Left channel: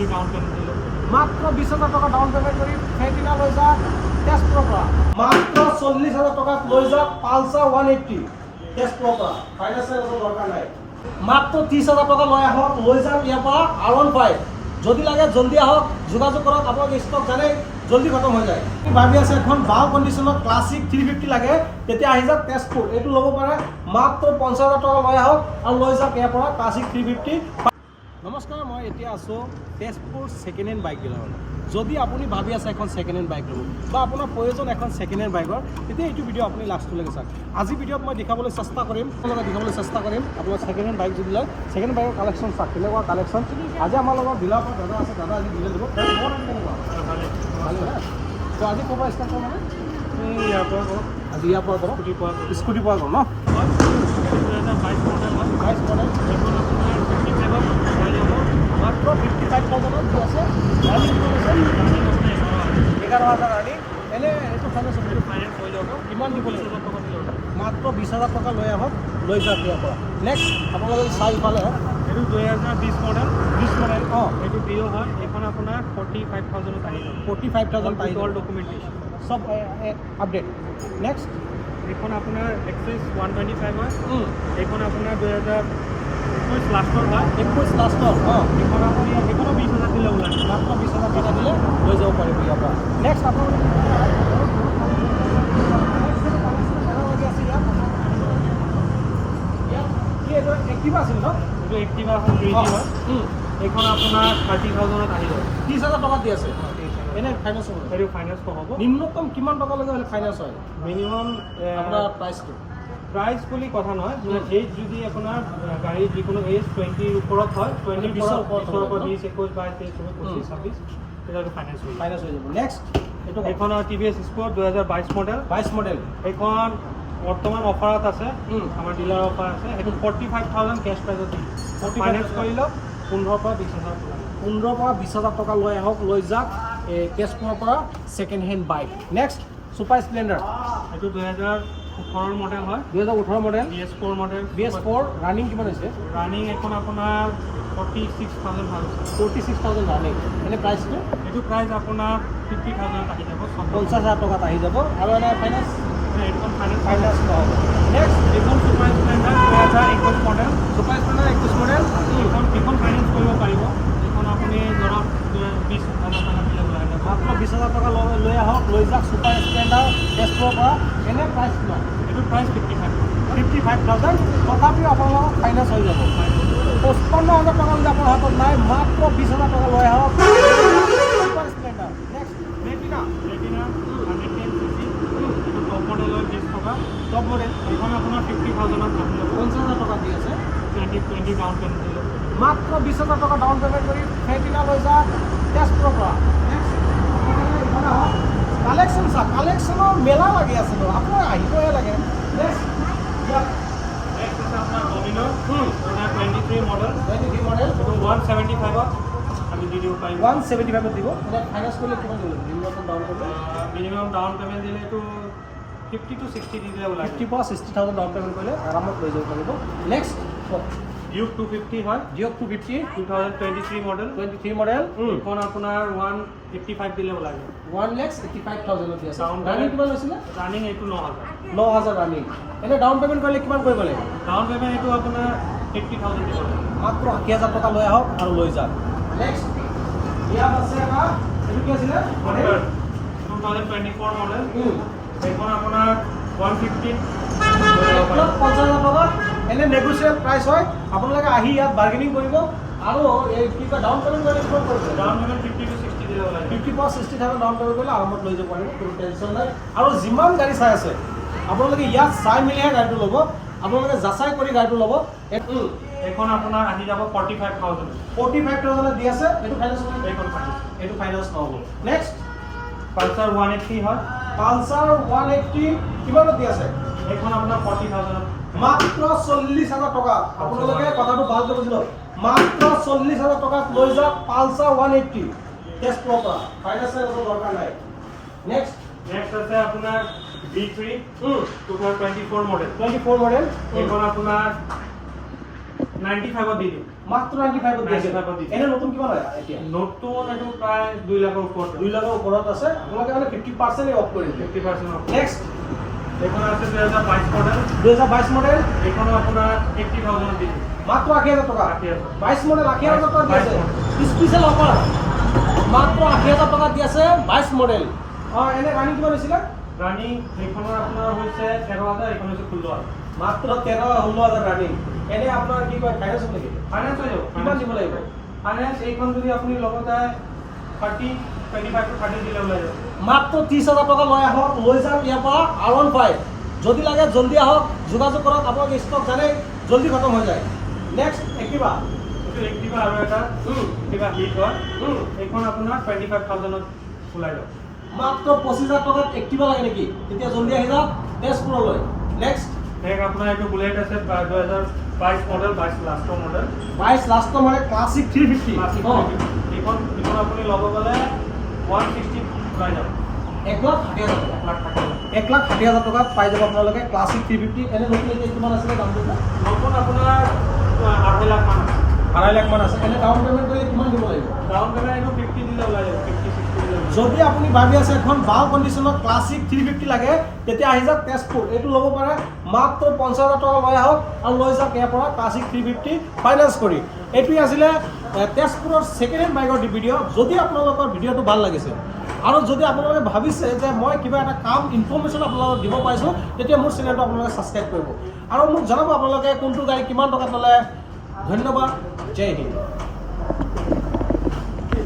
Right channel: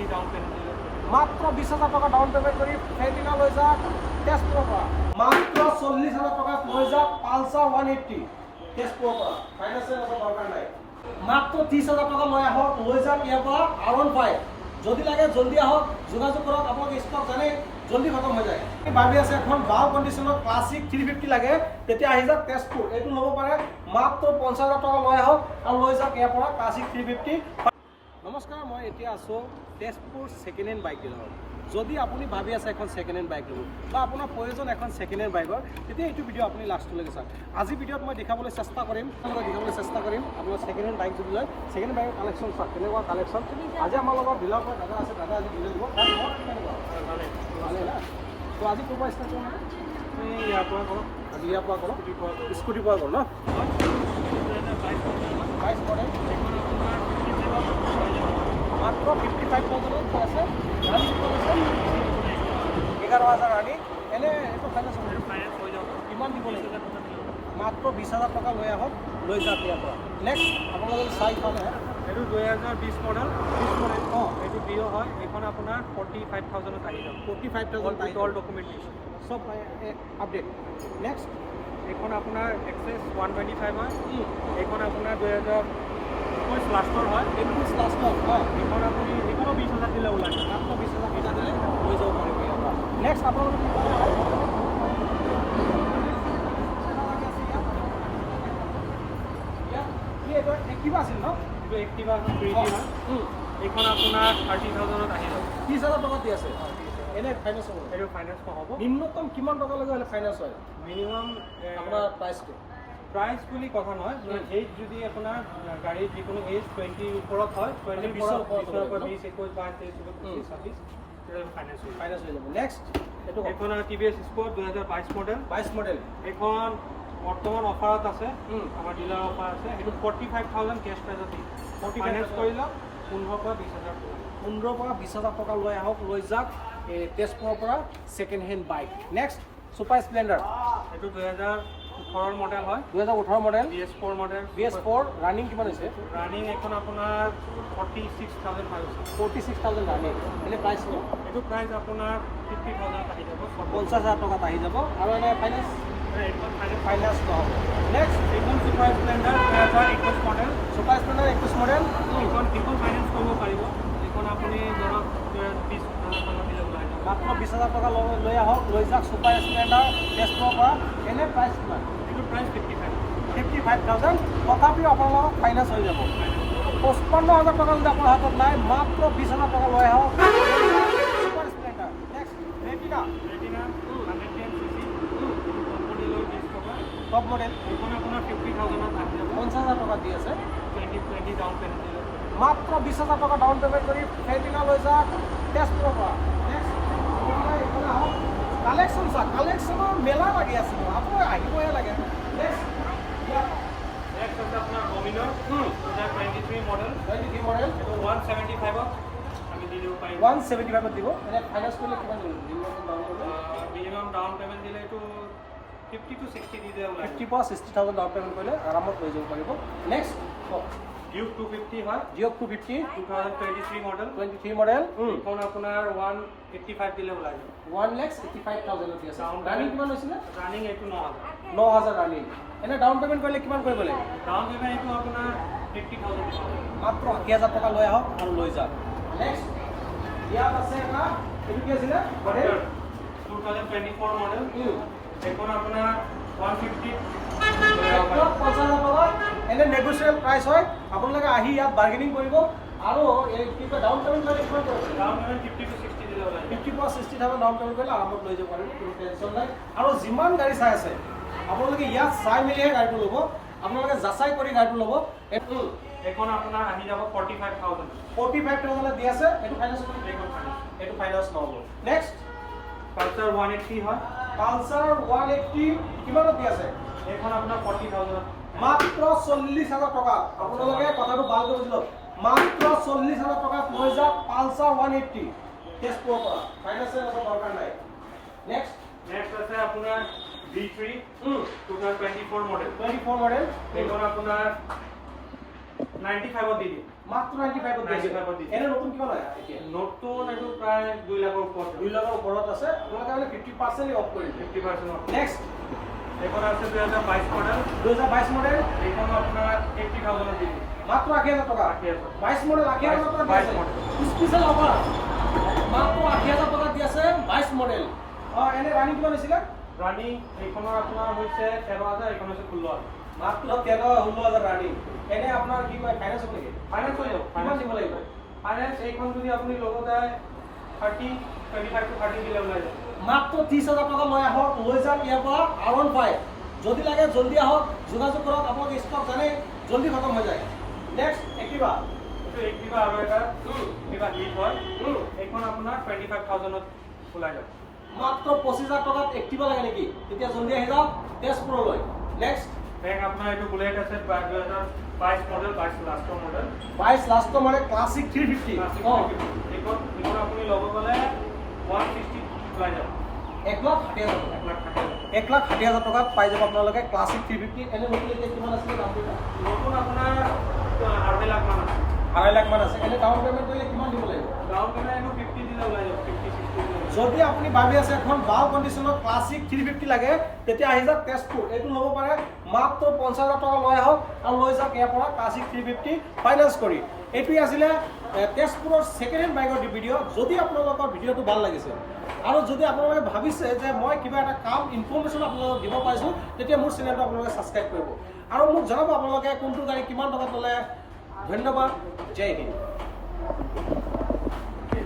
20 down payment দিলে মাত্ৰ 20,000 টকা ডাউন পেমেন্ট কৰি ফেটিনা লৈ যা তেজপুৰৰ পৰা মাত্ৰ 40,000 টকাত লৈ যা পালচাৰ 180 তেজপুৰৰ পৰা ফাইনেন্সিয়েল দৰকাৰ নাই মাত্ৰ 30,000 টকা লৈ আহক লৈ যাম ইয়াৰ পৰা R15 যদি লাগে জলদি আহক যোগাযোগ কৰক আপোনালোকে ষ্টক জানে জলদি খতম হৈ যায় ভাবি আছে এখন ভাল কণ্ডিশ্যনত ক্লাছিক 350 লাগে তেতিয়া আহি যাওক তেজপুৰ এইটো ল'ব পাৰে মাত্ৰ 50,000 টকা লৈ আহক আৰু লৈ যাওক ইয়াৰ পৰা ক্লাছিক 350 নমস্কাৰ মই এতিয়া আছোঁ তেজপুৰ ছেকেণ্ড হেণ্ড বাইক ডিলাৰত যদি আপুনি ভাবি আছে এখন ছেকেণ্ড হেণ্ড বাইক ল'ব বা আপোনাৰ প্ৰয়োজন এখন ছেকেণ্ড হেণ্ড বাইকৰ তেতিয়া এইটো ভিডিঅ' আপুনি লাষ্টলৈকে চাওক আজি ভিডিঅ'ত মই দেখাবলৈ চেষ্টা কৰিম আপোনাৰ ছেকেণ্ড হেণ্ড বাইক যদি লয় ছেকেণ্ড হেণ্ড বাইকৰ কালেকশ্যন চাওক কেনেকুৱা কালেকশ্যন আজি আমাৰ লগত ডিলাৰৰ পৰা দাদা আছে দাদা আজি ডিলাৰ দিব কেনেকুৱা ভালে না তো আজি ক'ৰ পৰা ষ্টাৰ্ট কৰোঁ মানে ইয়াৰ পৰা কৰক আজি ইয়াৰ পৰা কৰক স্কুটি পৰা গ'ল ন 22 মডেল হয় 22 মডেল এখন আপোনাৰ 57 পাই যাব মাত্ৰ 55,000 কি আছে ৰানিং কৰিছে 11,000 ৰানিং এনে এইটো ফাইনেন্স হ'ব ফাইনেন্স হৈ যাব কিমান দিব লাগিব 20,000 টকা দিলে মাত্ৰ 20,000 টকা লৈ আহক লৈ যাওক ইয়াৰ পৰা নেক্সট আপোনালোকে চাই পালে এইটো 2020 মডেল 20 মডেল অঁ এইটো প্ৰিয় হয় এইখন আপোনাৰ 45,000 আহি যাব 45,000 পাই অল ডকুমেণ্টেশ্যন চব আপডেট নেক্সট এইখন আপোনাৰ এক্সেছ 125 হয় এইখন আপোনাৰ 2021 লাষ্টৰ হয় 21 লাষ্টৰ অঁ এইখন আপুনি এইখনো 20,000 দিলে ওলাই মাত্ৰ 20,000 টকা দিলে লৈ যাব পাৰিব ইয়াৰ পৰা নেক্সট আপোনালোকে কিবা আছিল ন এইটো এক্টিভা এখন 3G হয় এইখন আপোনাৰ 30,000 আহি যাব 30,000 টকা দি আছে এনে ফাইনেন্স হ'ব এইটো ফাইনেন্স হ'ব নিম্নতম কিমান টকালৈকে হ'লে ফাইনেন্স হয় মিনিমাম আপোনাৰ প্ৰাইচটো প্ৰাইচ বুলি কথা নহয় এজ যদি আপোনাৰ গাড়ী যিকোনো এজ 20 ওপৰত হয় 20 20 ওপৰত ওপৰত 20, 21, 22, 23, 24, 25, 26 তেতিয়াতো ফাইনেন্স হৈ ফাইনেন্স হৈ যাব নেক্সট এইটো এইখন TVS স্পৰ্ট 2022 মডেল 22 মডেল এইখন বৰ্তমান অফাৰত আছে আমাৰ ডিলাৰ অফাৰ আছে সেইটো 45,000 কেছ প্ৰাইজত দি ফাইনেন্স কৰি লওক 15 পৰা 20,000 15 পৰা 20,000 টকা লৈ আহক লৈ যাওক তেজপুৰৰ পৰা second hand bike next super Splendor এইটো 2018 মডেল হয় 2018 model BS4 model BS4 running কিমান হৈছে ৰানিং এখন আপোনাৰ 46,000 ভাল হৈছে 46,000 ৰানিং এনে প্ৰাইচটো এইটো প্ৰাইচ আপোনাৰ 50,000 আহি যাব 50,000 টকাত আহি যাব আৰু এনে ফাইনেন্স এইখন ফাইনেন্স নহ'ব নেক্সট এইখন super Splendor 2021 model super Splendor 21 model এইখন ফাইনেন্স কৰিব পাৰিব এইখন আপুনি ধৰক 20,000 টকা দিলে ওলাই যাব মাত্ৰ 20,000 টকা লৈ আহক লৈ যাওক ছুপাৰ স্প্লেণ্ডাৰ তেজপুৰৰ পৰা এনে প্ৰাইচ কিমান এইটো প্ৰাইচ 55,000 তথাপিও আপোনালোকৰ ফাইনেন্স হৈ যাব 55,000 টকা যদি আপোনাৰ হাতত নাই মাত্ৰ 20,000 টকা লৈ আহক super Splendor next retina 110cc top মডেলৰ 20 টকা টপ মডেল এইখন আপোনাৰ 50,000 আহি যাব 50,000 টকা দি আছে 20 ডাউন পেমেণ্ট দিলে মাত্ৰ 20,000 টকা ডাউন পেমেণ্ট কৰি ৰেটিনা লৈ যাওক তেজপুৰৰ পৰা নেক্সট আপোনালোকে ইফালে আহক কালেকশ্যন চাওক কালেকশ্যনৰ মেলা লাগি আছে ন আপোনাৰ আহিবহে লাগে নেক্সট নেক্সট আছে আপোনাৰ ডমিনৰ 23 মডেল 23 মডেল এইটো 175ত আমি দি দিব পাৰিম 175 দিব এতিয়া ফাইনেন্স কৰিলে কিমান দিব মিনিমাম ডাউন পেমেণ্ট দিলে এইটো 50 to 60 দি দিলে ওলাই 50 পৰা 60,000 ডাউন পেমেণ্ট কৰিলে আৰামত লৈ যাব পাৰিব নেক্সট ডিউক 250 হয় ডিঅক 250 2023 মডেল 23 মডেল এইখন আপোনাৰ 185 দিলে ওলাই যাব 1,85,000 দি আছে Down ৰানিং payment- কিমান হৈছিলে ৰানিং এইটো 9,000 9,000 ৰানিং এনে ডাউন পেমেণ্ট কৰিলে কিমান কৰিব লাগিব ডাউন পেমেণ্ট এইটো আপোনাৰ 80,000 দিব লাগিব মাত্ৰ 80,000 টকা লৈ আহক আৰু লৈ যাওক নেক্সট ইয়াত আছে আমাৰ এইটো কি আছিলে মডেল 2024 মডেল এইখন আপোনাৰ 150 50,000 টকা এনে নেগোচিয়েবল প্ৰাইচ হয় আপোনালোকে আহি ইয়াত বাৰ্গেনিং কৰিব আৰু এই কি কয় ডাউন পেমেণ্ট কৰিলে কিমান কৰিব ডাউন পেমেণ্ট 50 to 60 দিলে ওলাই যাব 50 পৰা 60,000 ডাউন পেমেণ্ট কৰিলে আৰামত লৈ যাব পাৰিব কোনো টেনশ্যন নাই আৰু যিমান গাড়ী চাই আছে আপোনালোকে ইয়াত চাই মেলিহে গাড়ীটো ল'ব আপোনালোকে যাচাই কৰি গাড়ীটো ল'ব এইখন আপোনাৰ আহি যাব 45,000 45,000 দি আছে এইটো ফাইনেন্স এইখন ফাইনেন্স এইটো ফাইনেন্স নহ'ব নেক্সট পালচাৰ 180 হয় পালচাৰ 180 কিমানত দি আছে এইখন আপোনাৰ 40,000 মাত্ৰ 40,000 টকা আপোনালোকে কথাটো ভালকৈ বুজি লওক মাত্ৰ 40,000 টকাত লৈ যাওক পালচাৰ 180 তেজপুৰৰ পৰা ফাইনেন্সিয়েল দৰকাৰ নাই নেক্সট নেক্সট আছে আপোনাৰ B3 2024 মডেল 24 মডেল এইখন আপোনাৰ 95 দি দিম মাত্ৰ 95 দি আছে 95 দি দিম। এনে নতুন কিমান হয় এতিয়া নতুন এইটো প্ৰায় 2 লাখৰ ওপৰত 2 লাখৰ ওপৰত আছে আপোনালোকে মানে 50% অফ কৰি দিলে 50% অফ নেক্সট এইখন আছে 2022 মডেল 2022 মডেল এইখনো আপোনাৰ 80000 দি দিম মাত্ৰ 80000 টকা 80000 22 মডেল 80000 টকা দি আছে স্পেশাল অফাৰ মাত্ৰ 80000 টকা দি আছে 22 মডেল এনে ৰানিং কিমান হৈছিলে ৰানিং এইখনৰ আপোনাৰ হৈছে 13000 এইখন হৈছে 16000 মাত্ৰ 13000 ৰানিং এনে আপোনাৰ কি কয় ফাইনেন্স হ'ব নেকি ফাইনেন্স হৈ যাব কিমান দিব লাগিব ফাইনেন্স এইখন যদি আপুনি লগতে 25 to 30 দিলে ওলাই যাব মাত্ৰ 30000 টকা লৈ আহক লৈ যাম ইয়াৰ পৰা R15 যদি লাগে জলদি আহক যোগাযোগ কৰক আপোনালোকে ষ্টক জানে জলদি খতম হৈ যায় নেক্সট এক্টিভা এইটো এক্টিভা আৰু এটা এক্টিভা হিট হয় এইখন আপোনাৰ 25000 ত ওলাই যাব মাত্ৰ 25000 টকাত এক্টিভা লাগে নেকি তেতিয়া জলদি আহি যাওক তেজপুৰলৈ নেক্সট এক আপোনাৰ এইটো বুলেট আছে 2022 মডেল 22 লাষ্টৰ মডেল 22 লাষ্টৰ মানে ক্লাছিক 350 এইখন আপুনি ল'ব গ'লে 160 ওলাই যাব 1,60,000 টকা 1,60,000 টকাত পাই যাব আপোনালোকে ক্লাছিক 350 এনে নতুন এতিয়া কিমান আছে দামটো নতুন আপোনাৰ 2.5 লাখ মান আছে 2.5 লাখ মান আছে এনে ডাউন পেমেণ্ট কৰিলে কিমান দিব লাগিব ডাউন পেমেণ্ট এইটো 50 দিলে ওলাই যাব 50 60 দিলে ওলাই যাব যদি আপুনি ভাবি আছে এখন ভাল কণ্ডিশ্যনত ক্লাছিক 350 লাগে তেতিয়া আহি যাওক তেজপুৰ এইটো ল'ব পাৰে মাত্ৰ 50000 টকা লৈ আহক আৰু লৈ যাওক ইয়াৰ পৰা ক্লাছিক 350 ফাইনেন্স কৰি এইটোৱে আছিলে তেজপুৰৰ ছেকেণ্ড হেণ্ড বাইকৰ ভিডিঅ' যদি আপোনালোকৰ ভিডিঅ'টো ভাল লাগিছে আৰু যদি আপোনালোকে ভাবিছে যে মই কিবা এটা কাম ইনফৰ্মেশ্যন আপোনালোকক দিব পাৰিছোঁ তেতিয়া মোৰ চেনেলটো আপোনালোকে ছাবস্ক্ৰাইব কৰিব আৰু মোক জনাব আপোনালোকে কোনটো গাড়ী কিমান টকাত ল'লে ধন্যবাদ জয় হিন্দ